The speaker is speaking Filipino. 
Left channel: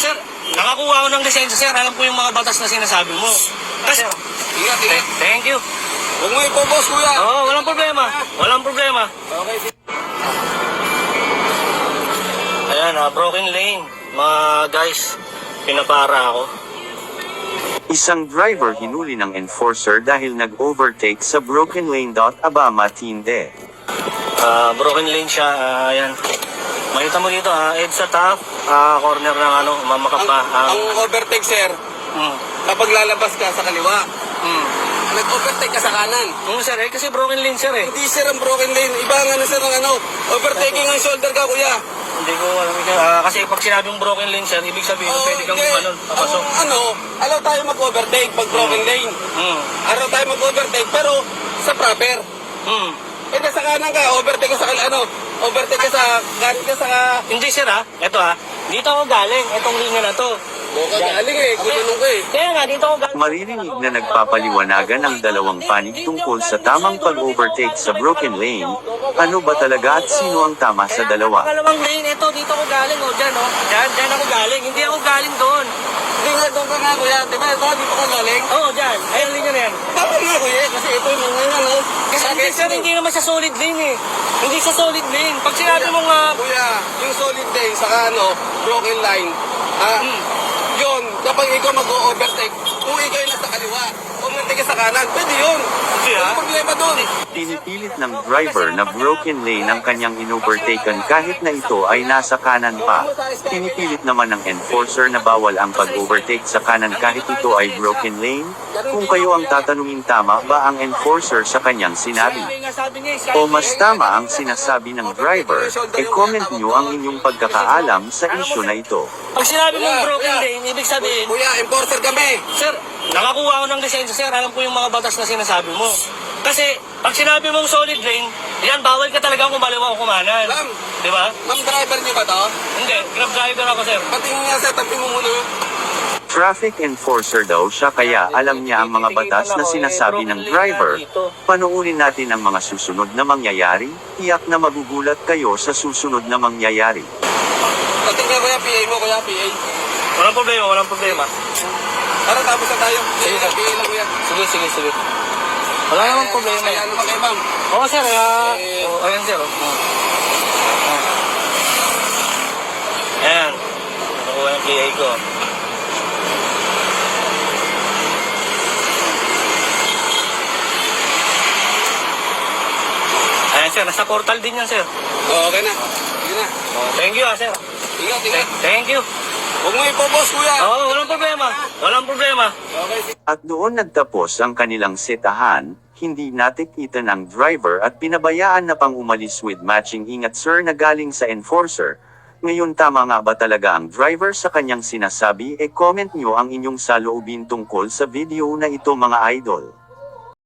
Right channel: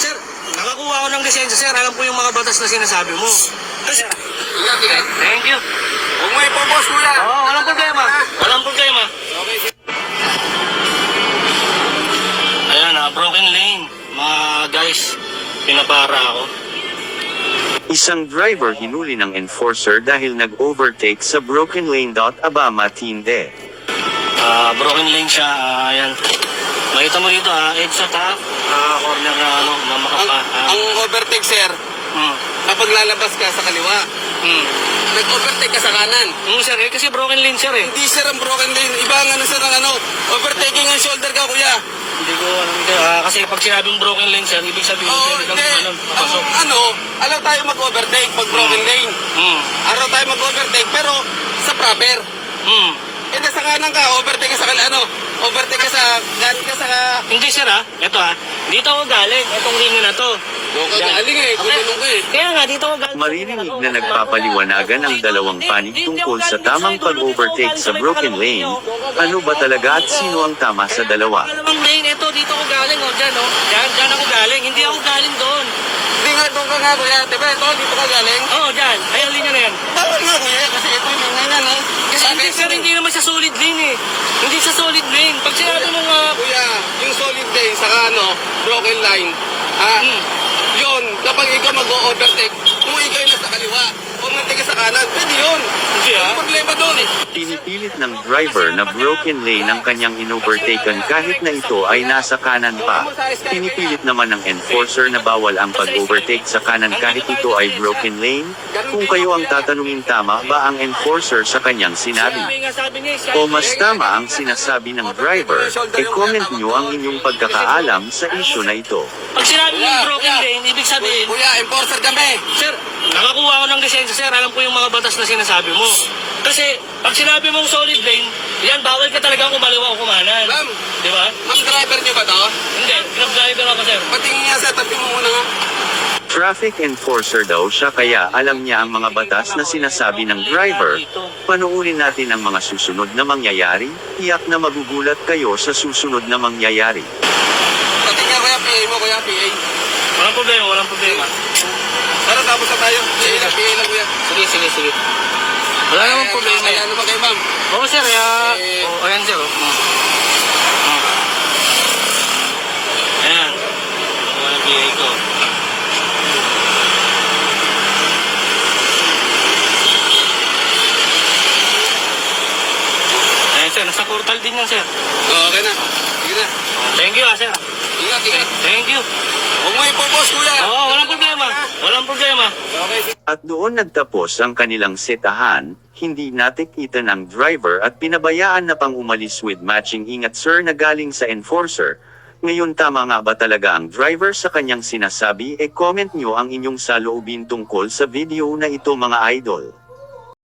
Sir, nakakuha ako ng lisensya, sir. Alam ko yung mga batas na sinasabi mo. Kasi, Ingat, ingat. thank you. Huwag mo ipopos, kuya. Oo, walang problema. Walang problema. Okay. Ayan, broken lane. Mga guys, pinapara ako. Isang driver hinuli ng enforcer dahil nag-overtake sa broken lane. Aba matinde. Broken lane siya, ayan. Makita mo dito, edge sa top, corner na mamakap pa. Kung overtake, sir, kapag lalabas ka sa kaliwa, nag-overtake ka sa kanan. Sir, kasi broken lane, sir, eh. Hindi, sir, ang broken lane. Iba ang ano, sir, ang ano. Overtaking ang shoulder ka, kuya. Hindi ko alam. Kasi pag sinabing broken lane, sir, ibig sabihin, pwede kang gumanon, papasok. Alaw tayo mag-overtake pag broken lane. Alaw tayo mag-overtake, pero sa proper. Sa kanan ka, overtake ka sa overtake ka sa, galing ka sa... Hindi, sir, Ito, dito ako galing. Itong linya na to. Doon ka galing eh, gulunong ka eh. Kaya nga, dito ako galing. Maririnig na nagpapaliwanagan ang dalawang panig tungkol sa tamang pag-overtake sa broken lane. Ano ba talaga at sino ang tama sa dalawa? Dalawang lane, ito, dito ako galing, dyan, Dyan ako galing. Hindi ako galing doon. Hindi nga, doon ka nga, kuya. Diba, ito, dito ka galing? Dyan. Ay, ang linya na yan. Dapat nga, kuya, kasi ito yung linya nga, no? Kasi hindi, sir, hindi naman siya solid lane, eh. Hindi siya solid lane. Pag sinabi mong, Kuya, yung solid lane, saka broken line, yun, kapag ikaw mag-overtake, kung ikaw yung nasa kaliwa, overtake ka sa kanan, pwede yun. Hindi, Yung problema doon. Pinipilit ng driver na broken lane ang kanyang inovertaken kahit na ito ay nasa kanan pa. Pinipilit naman ng enforcer na bawal ang pag-overtake sa kanan kahit ito ay broken lane. Kung kayo ang tatanungin, tama ba ang enforcer sa kanyang sinabi? O mas tama ang sinasabi ng driver, comment nyo ang inyong pagkakaalam sa isyu na ito. pag sinabi mong broken lane, ibig sabihin, Kuya, enforcer kami. sir, nakakuha ako ng lisensya, sir. Alam ko yung mga batas na sinasabi mo. Kasi, pag sinabi mong solid lane, yan, bawal ka talagang kumaliwa o kumanan. Ma'am. Di ba? Ma'am, driver nyo ba to? Hindi, grab driver ako, sir. Patingin niya, sir, tapin mo muna nga. Traffic enforcer daw siya kaya alam niya ang mga batas na sinasabi ng driver. Panuurin natin ang mga susunod na mangyayari, tiyak na magugulat kayo sa susunod na mangyayari. Patingin kuya, PA mo, kuya, PA. Walang problema, walang problema. Tara, tapos na tayo. Sige. PA lang, kuya. Sige. Wala namang problema Kaya yan. ano ba kayo, ma'am? Oo, sir, ayan, sir. Ayan. Ako yung PA ko. Ayan, sir. Nasa portal din yan, sir. Okay na. Sige na. Thank you, sir. Ingat, ingat. Thank you. Huwag mo ipopos, kuya. Oo, walang problema. Walang problema. Okay, At doon nagtapos ang kanilang setahan, hindi natikitan ang driver at pinabayaan na pang umalis with matching ingat sir na galing sa enforcer. Ngayon tama nga ba talaga ang driver sa kanyang sinasabi? Comment nyo ang inyong saloobin tungkol sa video na ito mga idol.